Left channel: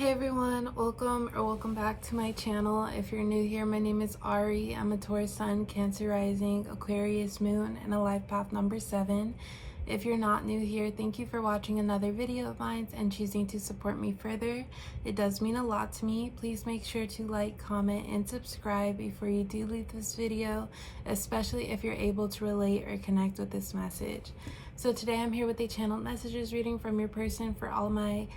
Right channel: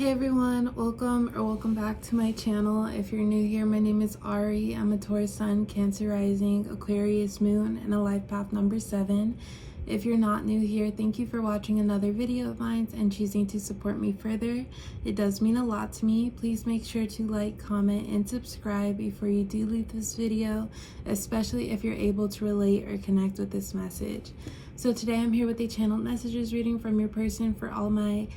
Hey everyone, welcome back to my channel. If you're new here, my name is Ari. I'm a Taurus Sun, Cancer Rising, Aquarius Moon, and a life path number 7. If you're not new here, thank you for watching another video of mine and choosing to support me further. It does mean a lot to me. Please make sure to like, comment, and subscribe before you do leave this video, especially if you're able to relate or connect with this message. So today I'm here with a channeled messages reading from your person for all my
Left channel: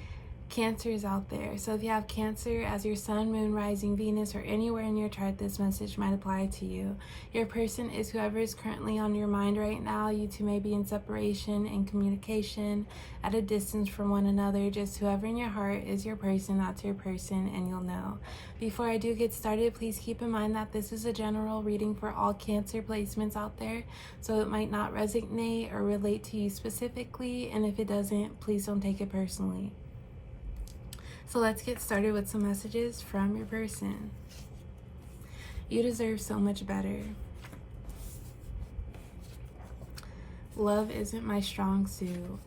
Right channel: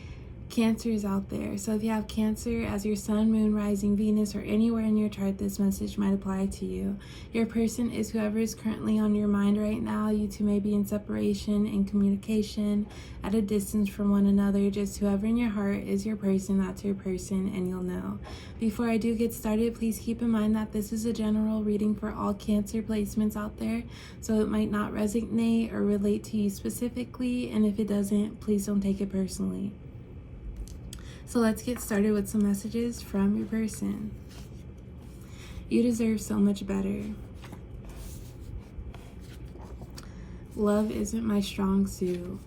Cancers out there. So if you have Cancer as your sun, moon, rising, Venus, or anywhere in your chart, this message might apply to you. Your person is whoever is currently on your mind right now. You two may be in separation, in communication, at a distance from one another. Just whoever in your heart is your person, that's your person, and you'll know. Before I do get started, please keep in mind that this is a general reading for all Cancer placements out there, so it might not resonate or relate to you specifically, and if it doesn't, please don't take it personally. So let's get started with some messages from your person. You deserve so much better. Love isn't my strong suit.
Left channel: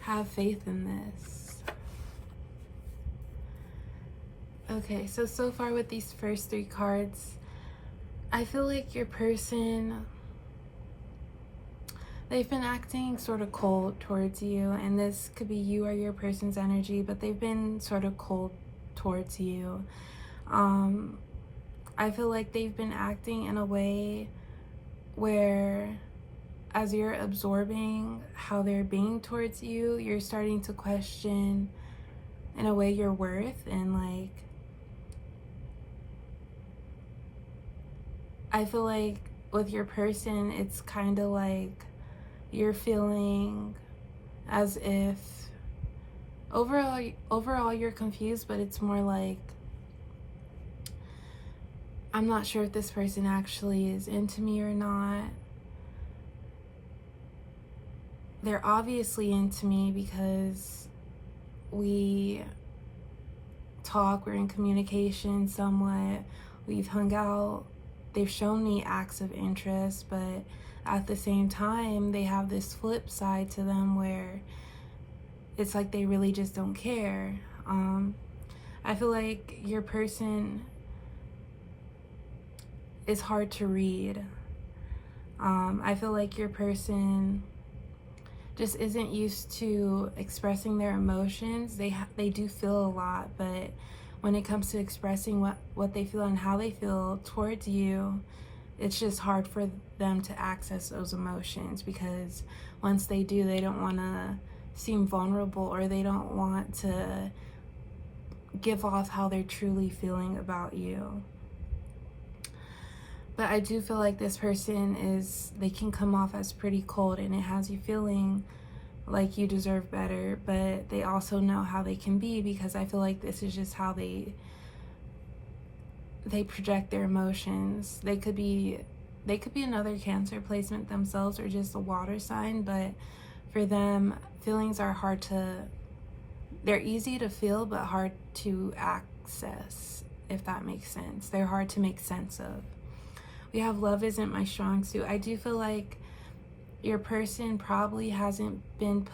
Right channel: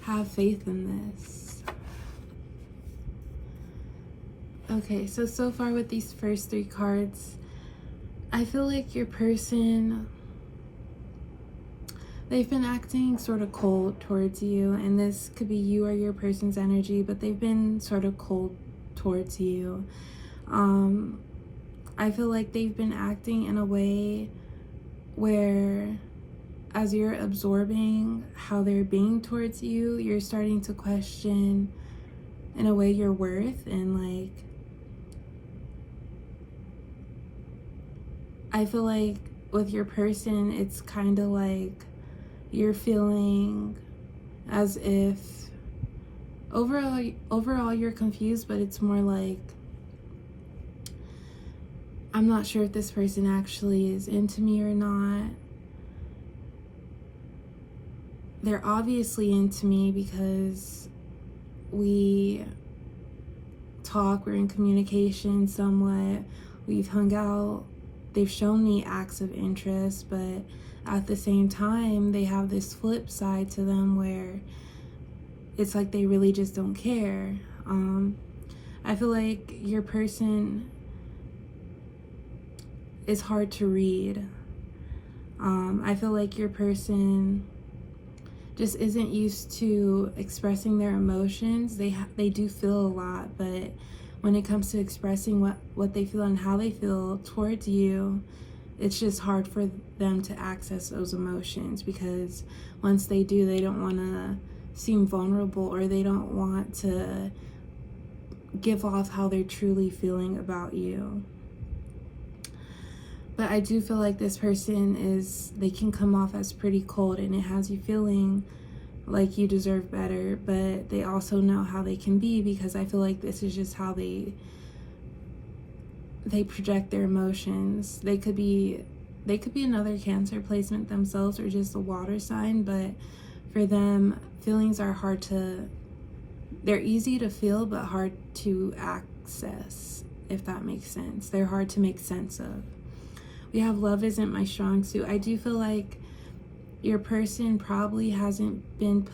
Have faith in this. Okay, so far with these first 3 cards, I feel like your person, they've been acting sort of cold towards you, and this could be you or your person's energy, but they've been sort of cold towards you. I feel like they've been acting in a way where, as you're absorbing how they're being towards you, you're starting to question, in a way, your worth. And like, I feel like with your person, it's kind of like you're feeling as if overall you're confused, but it's more like, I'm not sure if this person actually is into me or not. They're obviously into me because we talk, we're in communication somewhat, we've hung out, they've shown me acts of interest, but at the same time, they have this flip side to them where it's like they really just don't care. I feel like your person is hard to read. I feel like your person just isn't used to expressing their emotions. They do feel a lot, but when it comes to expressing what they feel and how they feel towards you, it's just hard for them to access those emotions, because once they do, they don't want to seem vulnerable, or they don't want to give off how they're truly feeling about you. But I do feel like this person they can come off as pretty cold, and it has you feeling like you deserve better, but they also know how they can be, because I feel like this is just how they project their emotions. They could be another Cancer placement themselves, or just a water sign, but for them, feelings are they're easy to feel but hard to access, if that makes sense. They're hard to make sense of. We have love isn't my strong suit. I do feel like your person probably hasn't been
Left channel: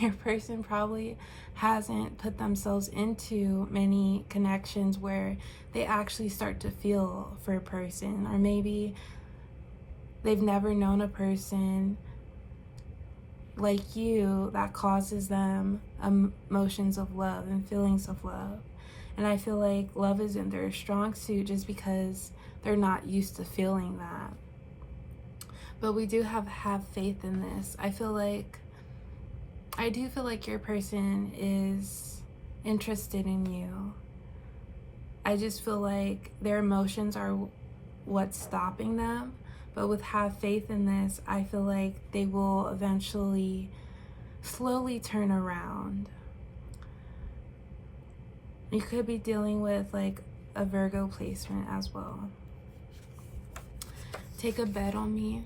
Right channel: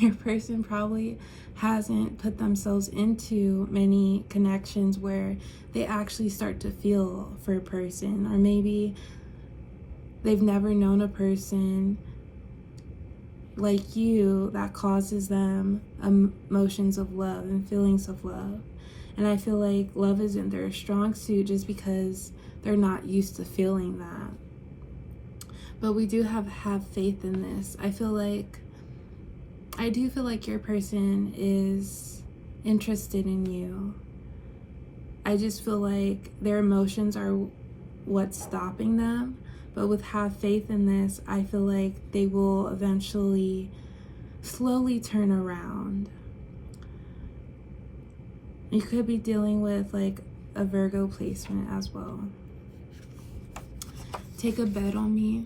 your person probably hasn't put themselves into many connections where they actually start to feel for a person, or maybe they've never known a person like you that causes them emotions of love and feelings of love. And I feel like love isn't their strong suit just because they're not used to feeling that. But we do have faith in this. I do feel like your person is interested in you. I just feel like their emotions are what's stopping them. But with have faith in this, I feel like they will eventually slowly turn around. You could be dealing with like a Virgo placement as well. Take a bet on me.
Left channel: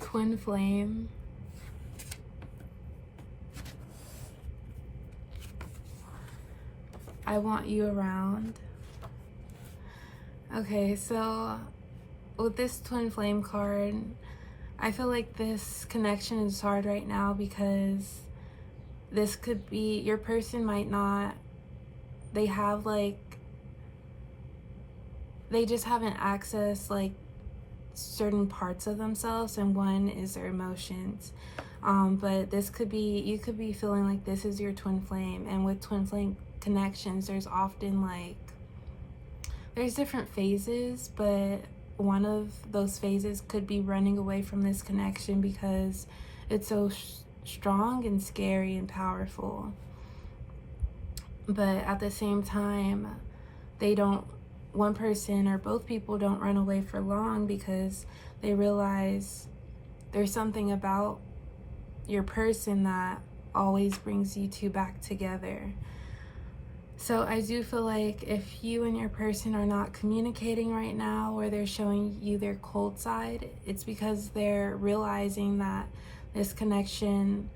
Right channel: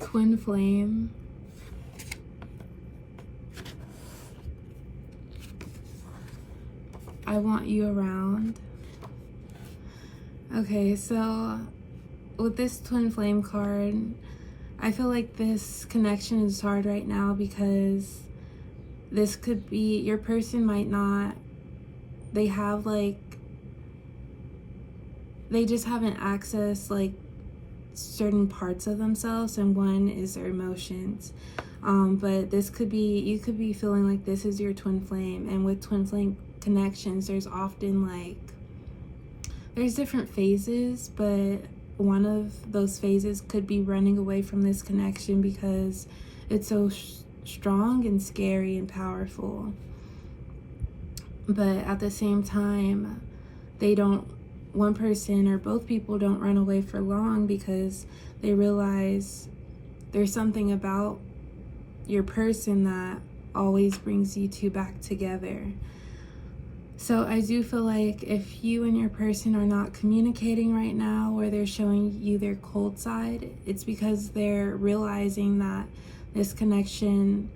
Twin flame. I want you around. Okay, so with this twin flame card, I feel like this connection is hard right now because this could be, your person might not, they have like, they just haven't accessed like certain parts of themselves, and one is their emotions. But this could be, you could be feeling like this is your twin flame, and with twin flame connections, there's often like, there's different phases, but one of those phases could be running away from this connection because it's so strong and scary and powerful. But at the same time, they don't, one person or both people don't run away for long because they realize there's something about your person that always brings you two back together. So I do feel like if you and your person are not communicating right now, or they're showing you their cold side, it's because they're realizing that this connection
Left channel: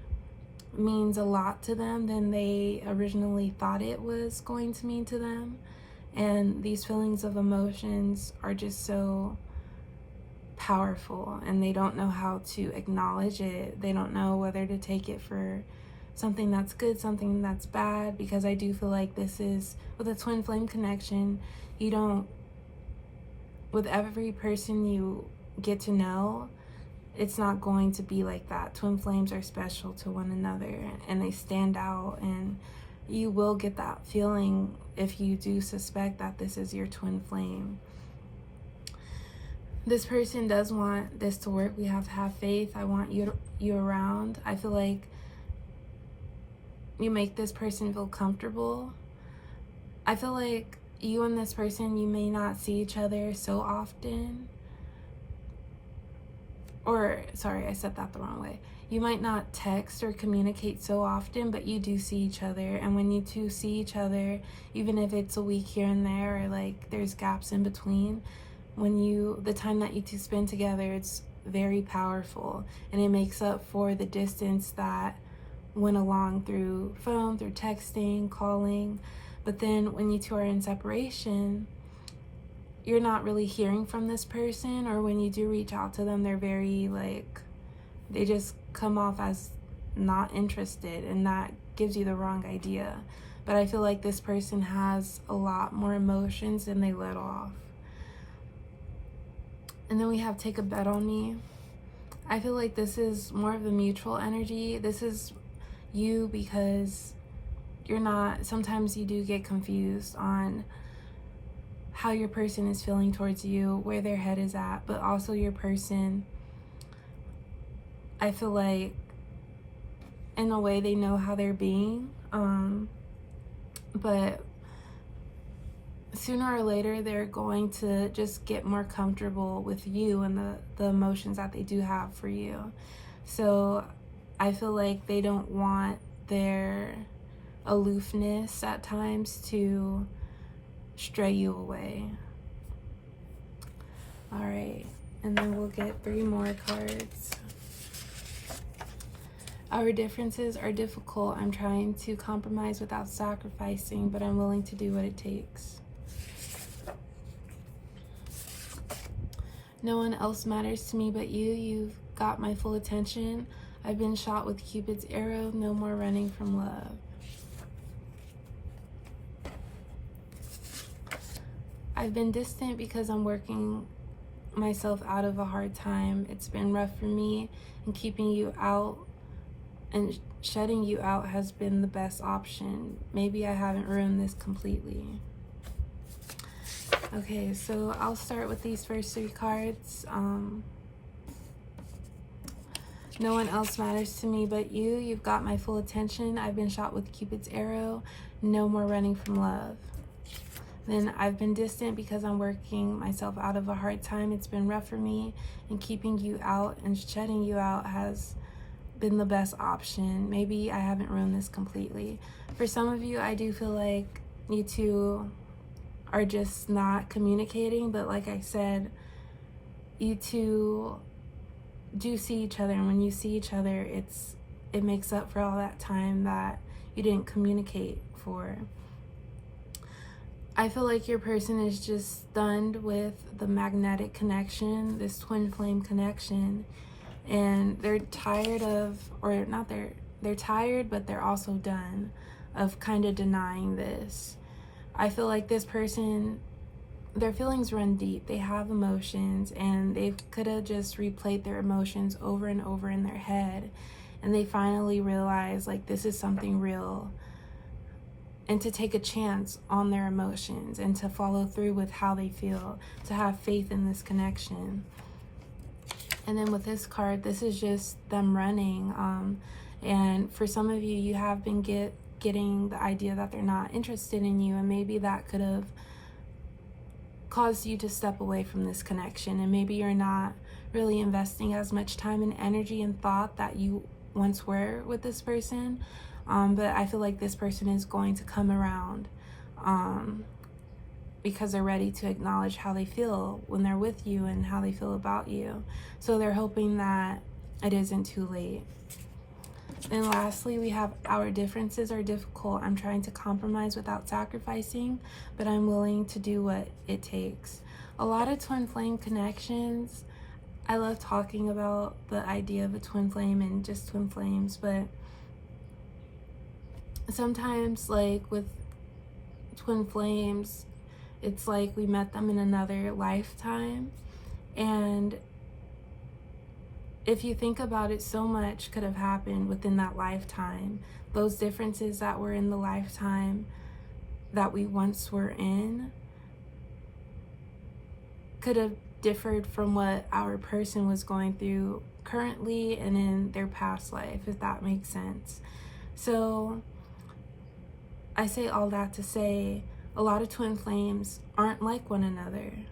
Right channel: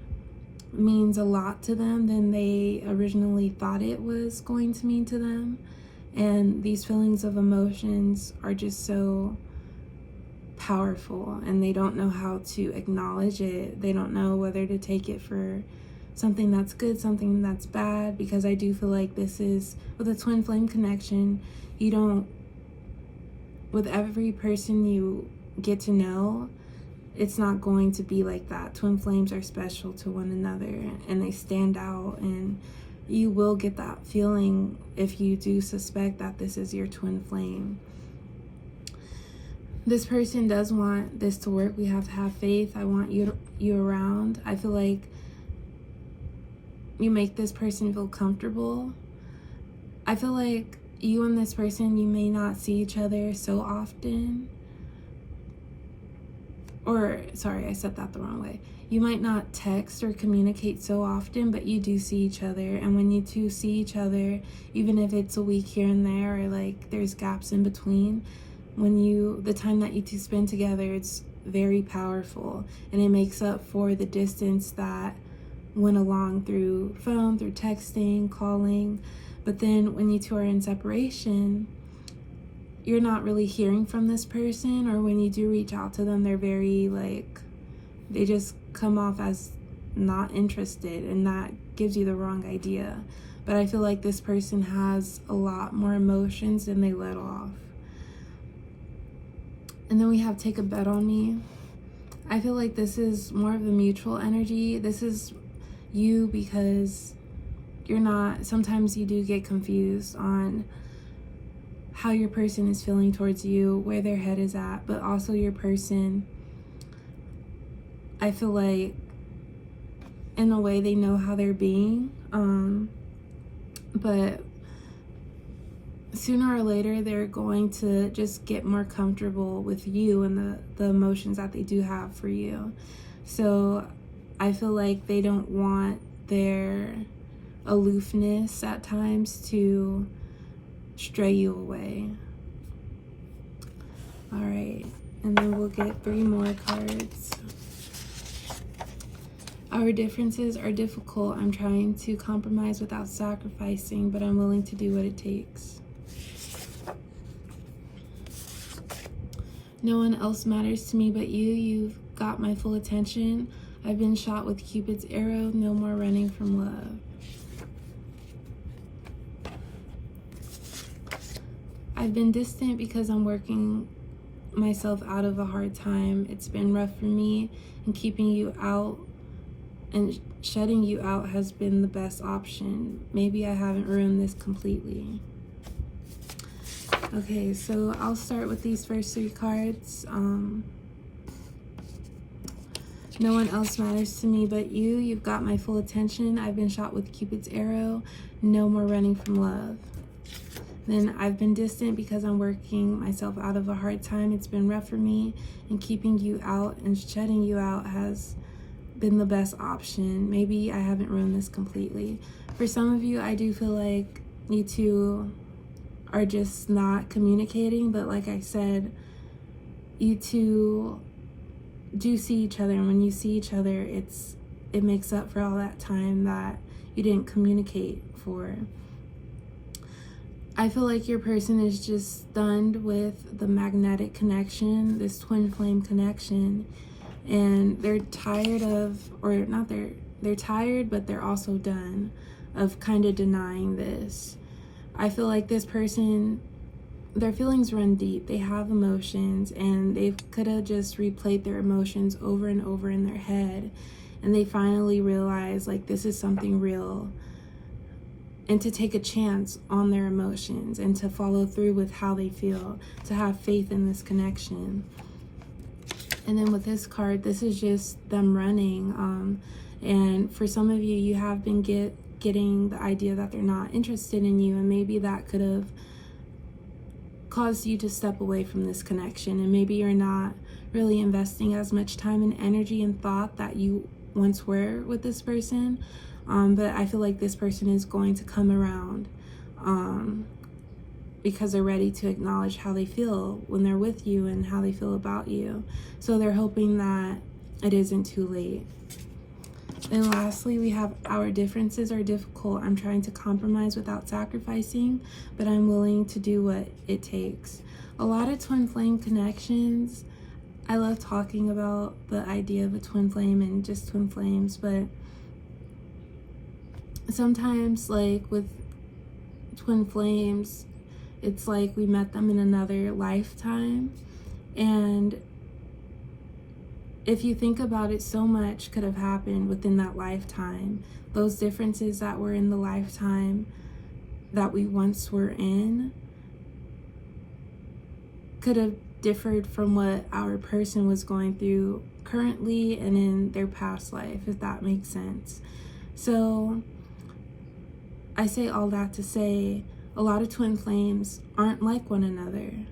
means a lot to them than they originally thought it was going to mean to them. And these feelings of emotions are just so powerful, and they don't know how to acknowledge it. They don't know whether to take it for something that's good, something that's bad, because I do feel like this is, with a twin flame connection, you don't, with every person you get to know, it's not going to be like that. Twin flames are special to one another, and they stand out, and you will get that feeling if you do suspect that this is your twin flame. This person does want this to work. We have to have faith. I want you around. I feel like you make this person feel comfortable. I feel like you and this person, you may not see each other so often. Or, sorry, I said that the wrong way. You might not text or communicate so often, but you do see each other. And when you two see each other, even if it's a week here and there, or like there's gaps in between, the time that you two spend together, it's very powerful. And it makes up for the distance that went along through phone, through texting, calling. But then when you two are in separation, you're not really hearing from this person, or when you do reach out to them, they're very like, they just come off as not interested, and that gives you the wrong idea. But I feel like this person has a lot more emotions than they let off. And then we have take a bet on me. I feel like this is more of a mutual energy. This is you, because you're not, sometimes you do get confused on how your person is feeling towards you, where their head is at, but also your person, I feel like in a way they know how they're being, but sooner or later they're going to just get more comfortable with you and the emotions that they do have for you. So I feel like they don't want their aloofness at times to stray you away. All right, and then we'll get 3 more cards. Our differences are difficult. I'm trying to compromise without sacrificing, but I'm willing to do what it takes. No one else matters to me but you. You've got my full attention. I've been shot with Cupid's arrow. No more running from love. I've been distant because I'm working myself out of a hard time. It's been rough for me, and keeping you out and shutting you out has been the best option. Maybe I haven't ruined this completely. Okay, so I'll start with these first 3 cards. No one else matters to me but you. You've got my full attention. I've been shot with Cupid's arrow. No more running from love. Then I've been distant because I'm working myself out of a hard time. It's been rough for me, and keeping you out and shutting you out has been the best option. Maybe I haven't ruined this completely. For some of you, I do feel like you two are just not communicating, but like I said, you two do see each other, and when you see each other, it makes up for all that time that you didn't communicate for. I feel like your person is just stunned with the magnetic connection, this twin flame connection, and they're tired of, or not they're tired, but they're also done of kind of denying this. I feel like this person, their feelings run deep. They have emotions, and they could have just replayed their emotions over and over in their head, and they finally realize like this is something real, and to take a chance on their emotions and to follow through with how they feel, to have faith in this connection. And then with this card, this is just them running. And for some of you, you have been getting the idea that they're not interested in you, and maybe that could have caused you to step away from this connection, and maybe you're not really investing as much time and energy and thought that you once were with this person. But I feel like this person is going to come around because they're ready to acknowledge how they feel when they're with you and how they feel about you. So they're hoping that it isn't too late. And lastly, we have our differences are difficult. I'm trying to compromise without sacrificing, but I'm willing to do what it takes. A lot of twin flame connections. I love talking about the idea of a twin flame and just twin flames, but sometimes like with twin flames, it's like we met them in another lifetime, and if you think about it, so much could have happened within that lifetime. Those differences that were in the lifetime that we once were in could have differed from what our person was going through currently and in their past life, if that makes sense. So I say all that to say a lot of twin flames aren't like one another.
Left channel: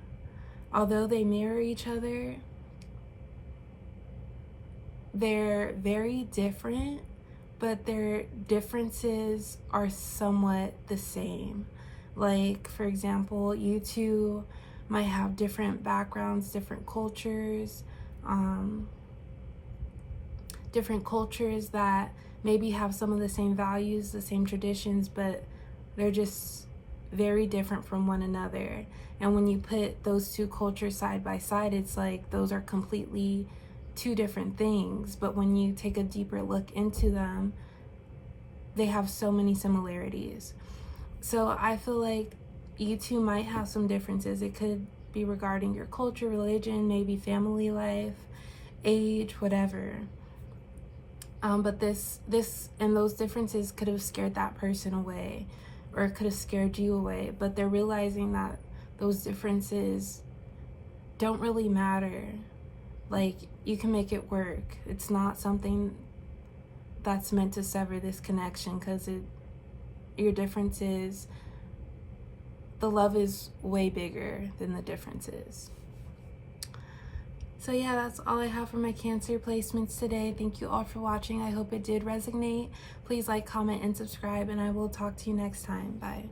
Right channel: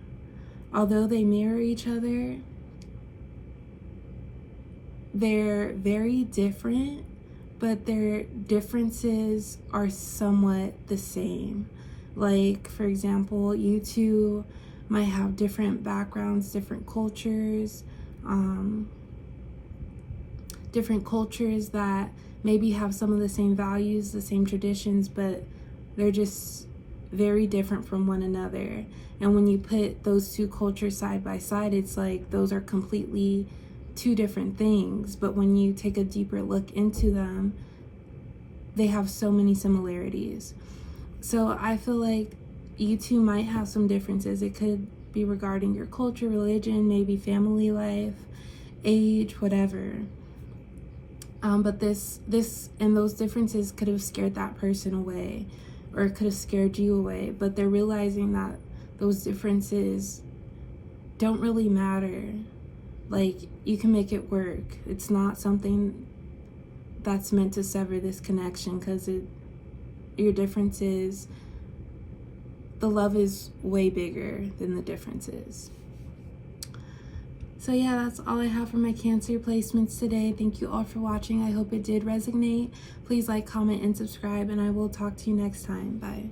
Although they mirror each other, they're very different, but their differences are somewhat the same. Like, for example, you two might have different backgrounds, different cultures that maybe have some of the same values, the same traditions, but they're just very different from one another. And when you put those two cultures side by side, it's like those are completely two different things. But when you take a deeper look into them, they have so many similarities. So I feel like you two might have some differences. It could be regarding your culture, religion, maybe family life, age, whatever. But this and those differences could have scared that person away, or it could have scared you away. But they're realizing that those differences don't really matter. Like, you can make it work. It's not something that's meant to sever this connection, because your differences, the love is way bigger than the differences. So yeah, that's all I have for my Cancer placements today. Thank you all for watching. I hope it did resonate. Please like, comment, and subscribe, and I will talk to you next time. Bye.